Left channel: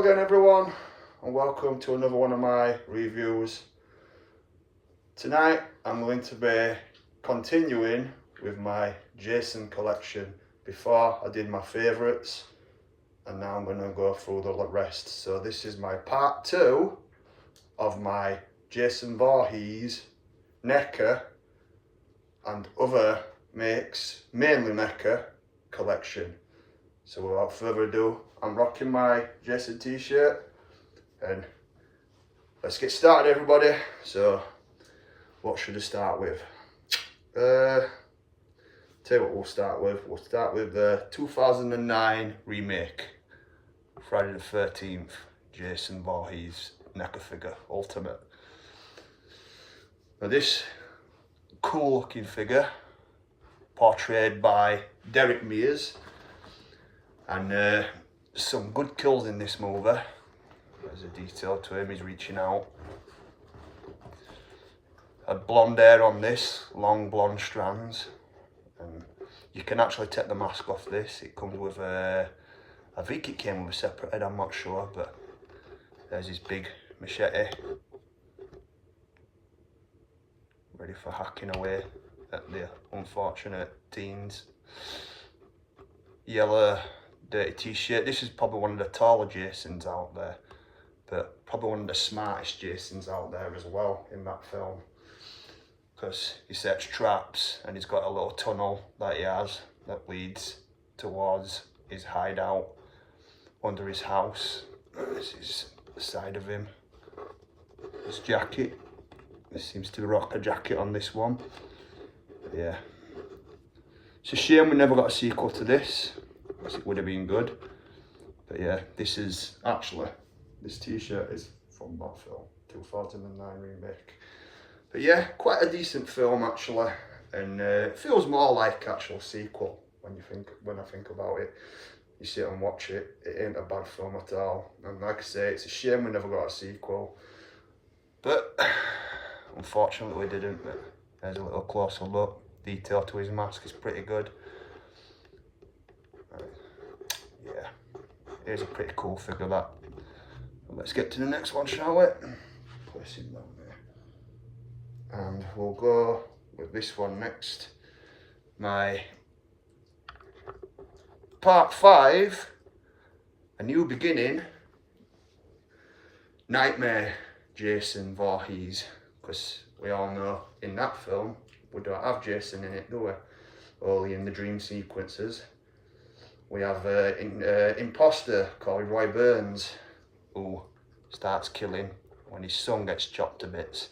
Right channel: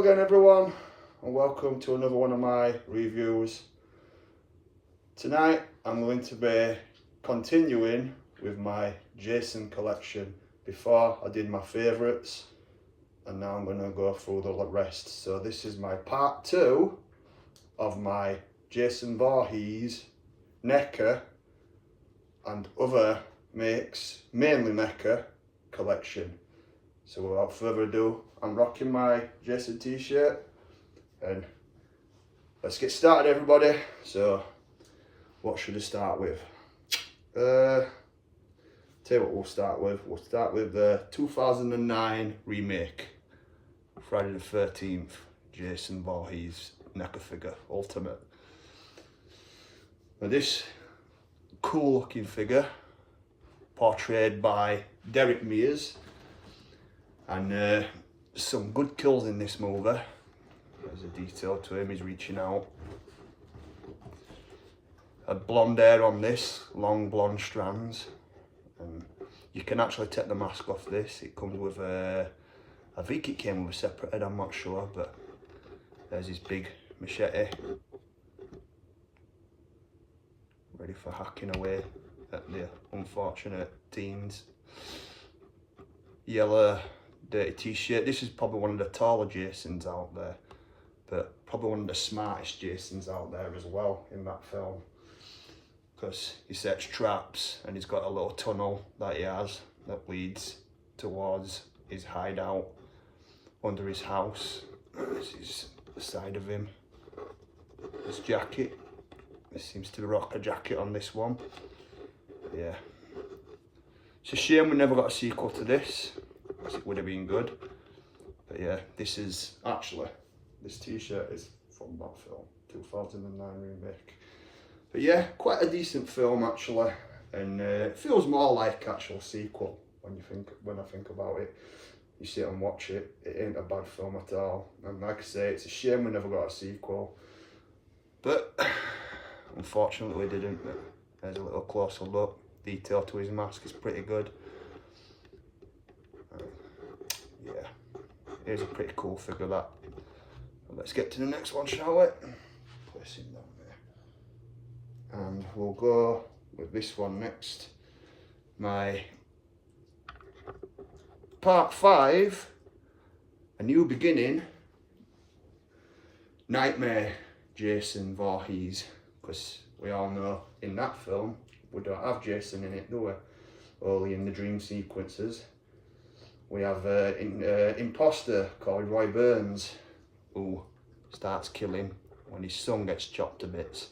Hello again everyone, and welcome to another one of my reviews. Tonight I'm going to be continuing with my Jason collection. Before I did my favourites, and now I'm going to go through the rest. So this is my part 2 of my Jason Voorhees, NECA and other makes, mainly NECA collection. So without further ado, I'm rocking my Jason t-shirt and let's get started everybody. So what should I start with? Tell you what we'll start with. We'll start with the 2009 remake, Friday the 13th, Jason Voorhees NECA figure, Ultimate. Now this cool looking figure, portrayed by Derek Mears, and some good kills in this movie. There's a detail to him, he's reaching out. Had blonde hair on this, long blonde strands, and you can actually take the mask off this. It comes with I think it came with a separate head, I'm not sure, but there's his big machete, ready for hacking away at the unfortunate teens. Yellow dirty t-shirt. This is probably one of the taller Jasons out there, but probably one of the smartest Jasons out there as well in that film, because he sets traps and he's got a little tunnel that he has that leads towards his hideout under his house. This is the side of him. His jacket. He seems to rock a jacket on this one. Yeah. It's a shame we never got a sequel to this, because it would have been good. But yeah, this is actually, this t-shirt is from that film, 2009 remake. But yeah, quite a decent film actually, and it feels more like actual sequel when I think about it. You sit and watch it, it ain't a bad film at all. And like I say, it's a shame we never got a sequel. But unfortunately we didn't. But there's a little closer look. Detail to his mask is pretty good. Yeah, here's a pretty cool figure that. Let's get to the next one, shall we? And we'll go with this one next. My part 5, A New Beginning, Nightmare Jason Voorhees, because we all know in that film we don't have Jason in it, do we? Only in the dream sequences. We have an imposter called Roy Burns, who starts killing when his son gets chopped to bits.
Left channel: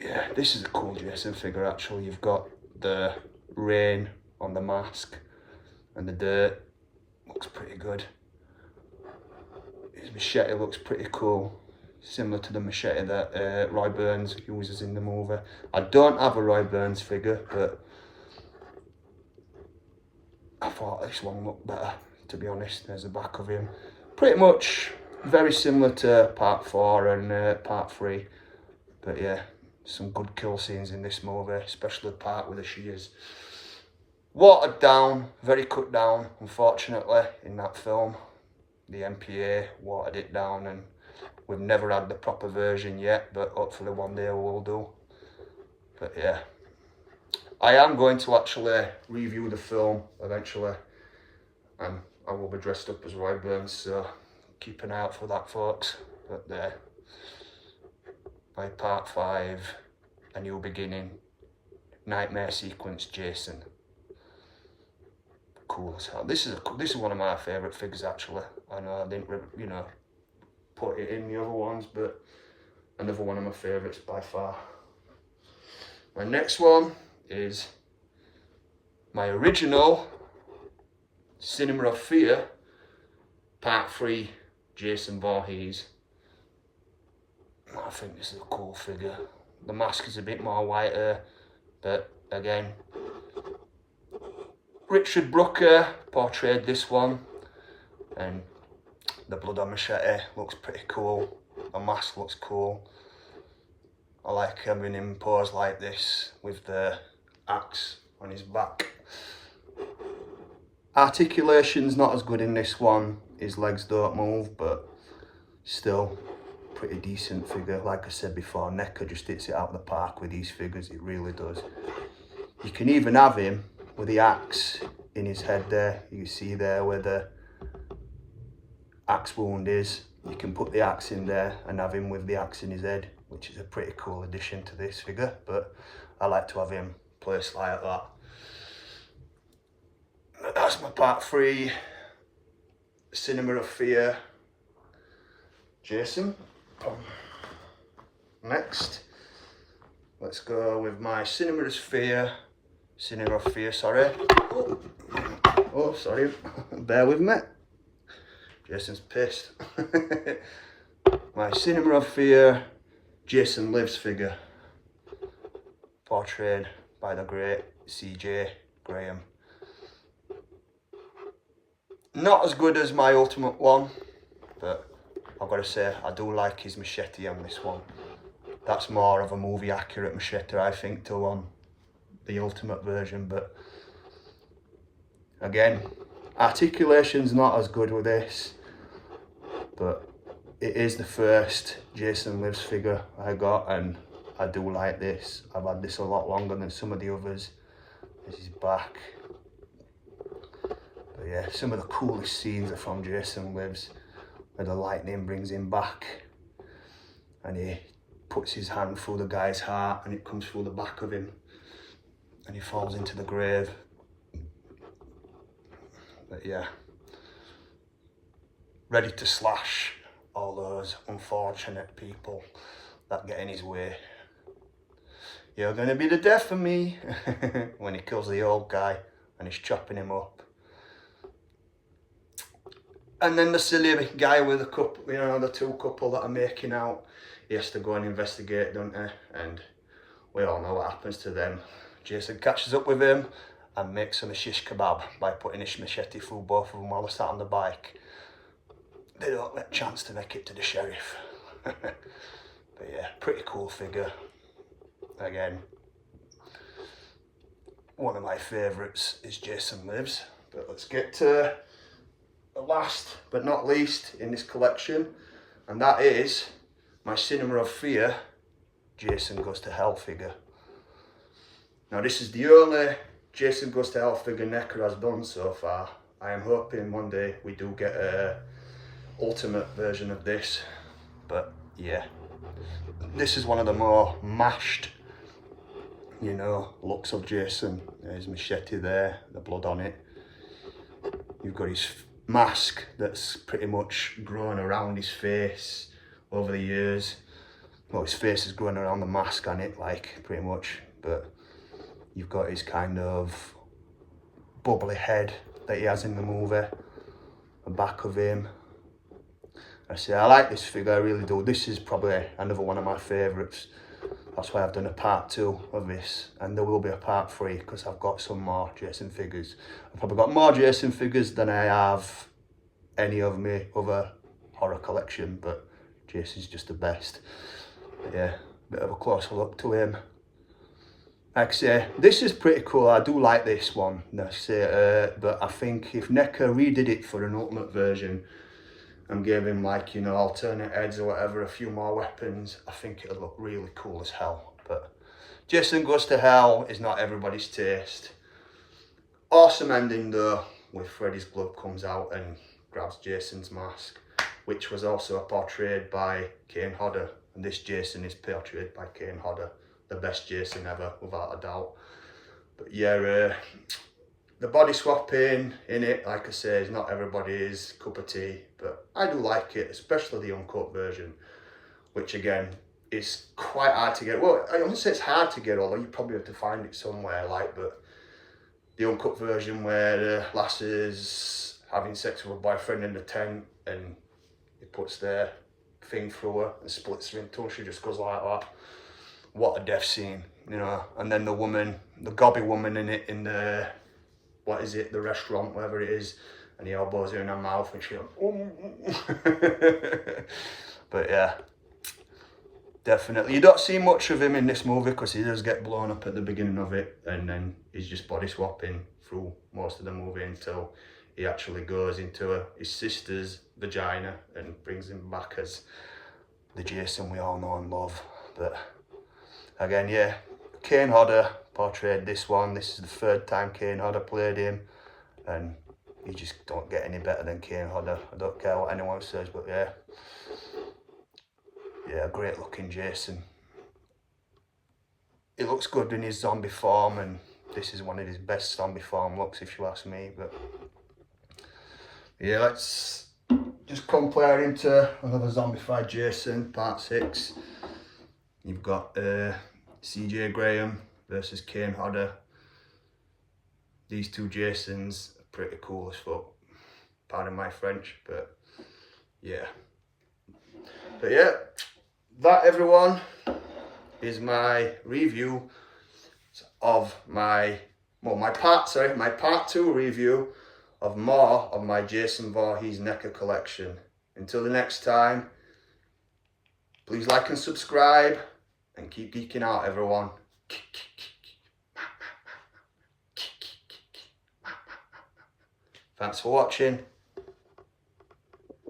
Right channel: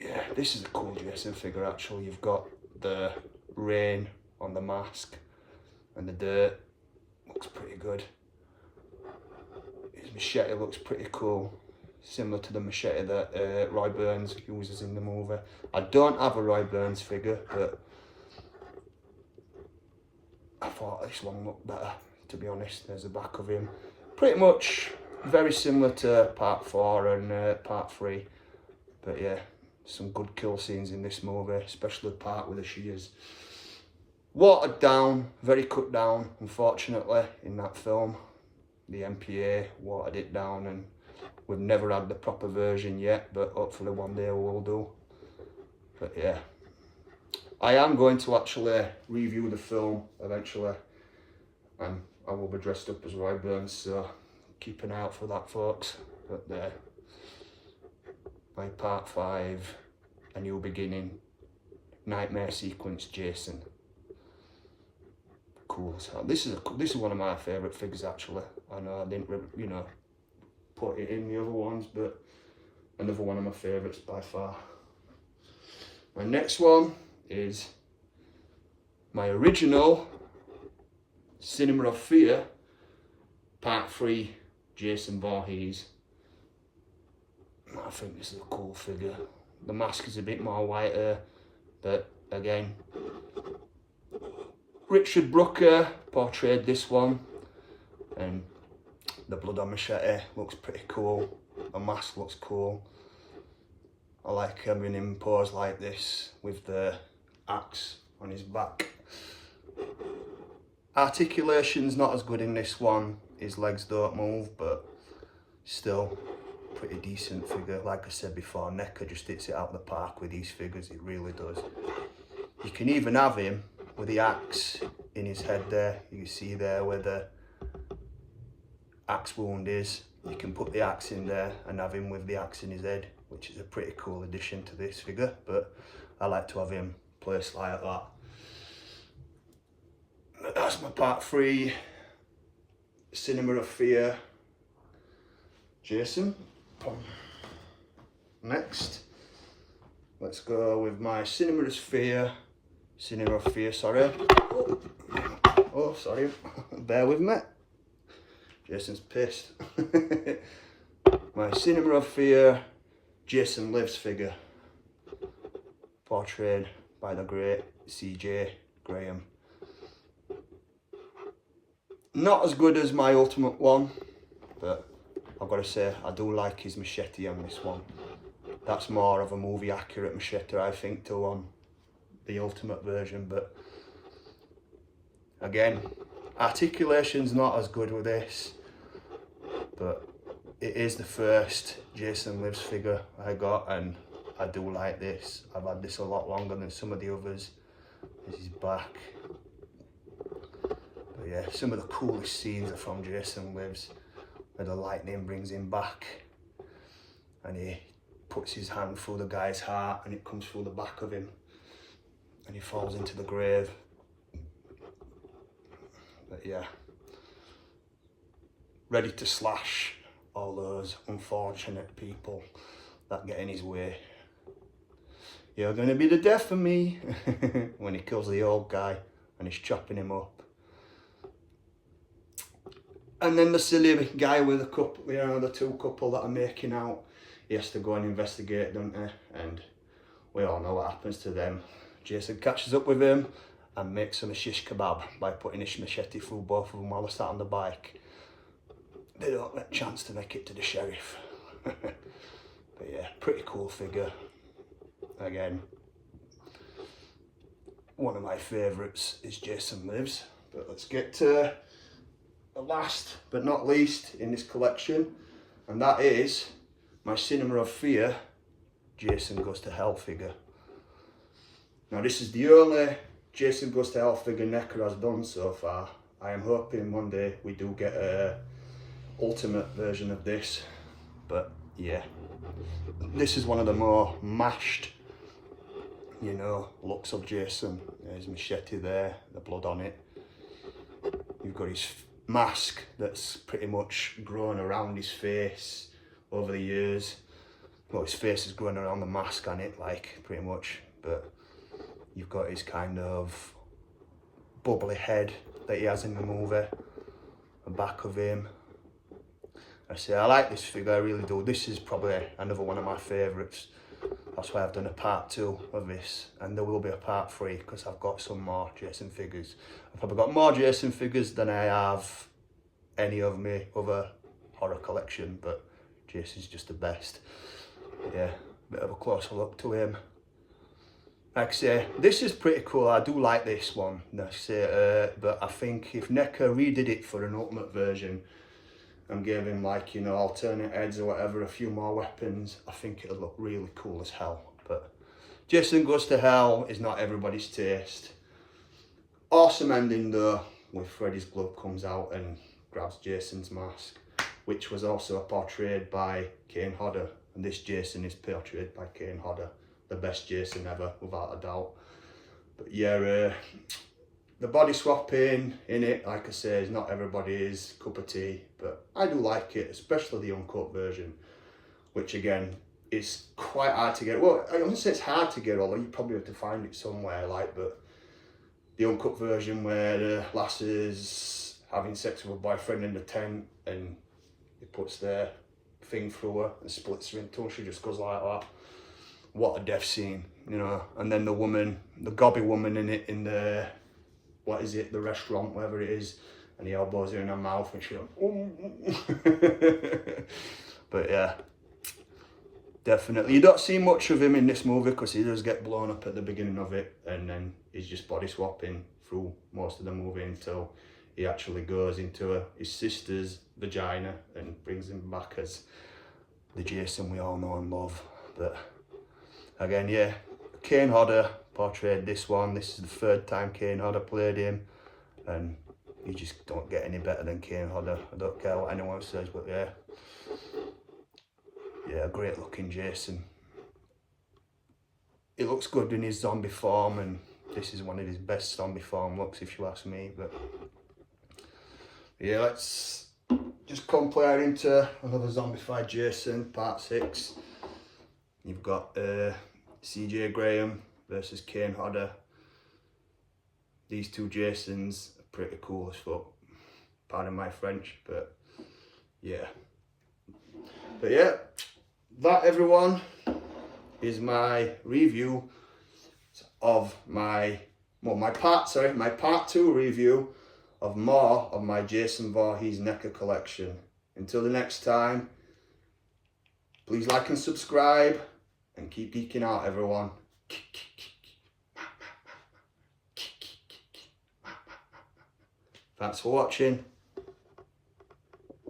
Yeah, this is a cool Jason figure actually. You've got the rain on the mask and the dirt. Looks pretty good. His machete looks pretty cool, similar to the machete that Roy Burns uses in the movie. I don't have a Roy Burns figure, but I thought this one looked better, to be honest. There's the back of him. Pretty much very similar to part 4 and part 3. But yeah, some good kill scenes in this movie, especially the part with the shears. Watered down, very cut down, unfortunately, in that film. The MPA watered it down, and we've never had the proper version yet, but hopefully one day we'll do. But yeah, I am going to actually review the film eventually, and I will be dressed up as Roy Burns, so keep an eye out for that, folks. But there, by part 5, A New Beginning, Nightmare Sequence Jason. Cool as hell. This is one of my favourite figures actually. I know I didn't, you know, put it in the other ones, but another one of my favourites by far. My next one is my original Cinema of Fear part 3 Jason Voorhees. I think this is a cool figure. The mask is a bit more whiter, but again, Richard Brooker portrayed this one, and the blood on machete looks pretty cool. The mask looks cool. I like having him pose like this with the axe on his back. Articulation's not as good in this one. his legs don't move, but still pretty decent figure. Like I said before, NECA just hits it out the park with these figures, it really does. You can even have him with the axe in his head there. You can see there where the axe wound is. You can put the axe in there and have him with the axe in his head, which is a pretty cool addition to this figure, but I like to have him placed like that. That's my part 3 Cinema of Fear Jason. Next, let's go with my Cinema of Fear, sorry. Oh, sorry, bear with me. Jason's pissed. My Cinema of Fear Jason Lives figure, portrayed by the great CJ Graham. Not as good as my Ultimate one, but I've got to say I do like his machete on this one. That's more of a movie accurate machete, I think, to on the Ultimate version, but again, articulation's not as good with this, but it is the first Jason Lives figure I got, and I do like this. I've had this a lot longer than some of the others. This is back. But yeah, some of the coolest scenes are from Jason Lives, where the lightning brings him back and he puts his hand through the guy's heart and it comes through the back of him and he falls into the grave. But yeah, ready to slash all those unfortunate people that get in his way. You're gonna be the death of me when he kills the old guy and he's chopping him up. And then the silly guy with the couple, you know, the two couple that are making out, he has to go and investigate, don't he? And we all know what happens to them. Jason catches up with him and makes them a shish kebab by putting his machete through both of them while they're sat on the bike. They don't get a chance to make it to the sheriff. But yeah, pretty cool figure. Again, one of my favourites is Jason Lives. But let's get to the last but not least in this collection, and that is my Cinema of Fear Jason Goes to Hell figure. Now this is the only Jason Goes to Hell figure NECA has done so far. I am hoping one day we do get a ultimate version of this, but yeah, this is one of the more mashed, you know, looks of Jason. There's machete there, the blood on it. You've got his mask that's pretty much grown around his face over the years. Well, his face is growing around the mask on it, like, pretty much, but you've got his kind of bubbly head that he has in the movie, the back of him. I say, I like this figure, I really do. This is probably another one of my favourites. That's why I've done a part 2 of this, and there will be a part 3 because I've got some more Jason figures. I've probably got more Jason figures than I have any of my other horror collection, but Jason's just the best. But yeah, bit of a closer look to him. Like I say, this is pretty cool. I do like this one, but I think if NECA redid it for an ultimate version and gave him, like, you know, alternate heads or whatever, a few more weapons, I think it'll look really cool as hell. But Jason Goes to Hell is not everybody's taste. Awesome ending though, with Freddy's glove comes out and grabs Jason's mask, which was also portrayed by Kane Hodder, and this Jason is portrayed by Kane Hodder, the best Jason ever, without a doubt. But yeah, the body swapping in it, like I say, is not everybody's cup of tea, but I do like it, especially the uncut version, which again is quite hard to get. Well, I wouldn't say it's hard to get, although you probably have to find it somewhere, like, but the uncut version where the lass is having sex with her boyfriend in the tent and he puts their thing through her and splits her in two, she just goes like that. What a death scene, you know. And then the woman, the gobby woman in it, in the, what is it, the restaurant, whatever it is, and he elbows her in her mouth and she goes, oh. But yeah, definitely. You don't see much of him in this movie because he does get blown up at the beginning of it, and then he's just body swapping through most of the movie until he actually goes into his sister's vagina and brings him back as the Jason we all know and love. But again, yeah, Kane Hodder portrayed this one. This is the third time Kane Hodder played him, and you just don't get any better than Kane Hodder. I don't care what anyone says, but yeah, great looking Jason. He looks good in his zombie form, and this is one of his best zombie form looks, if you ask me. But yeah, let's just compare him to another zombified Jason, part 6. You've got CJ Graham versus Kane Hodder. These two Jasons are pretty cool as fuck. Pardon my French, but yeah. But yeah, that, everyone, is my review of my part 2 review of more of my Jason Voorhees NECA collection. Until the next time, please like and subscribe, and keep geeking out, everyone. Thanks for watching.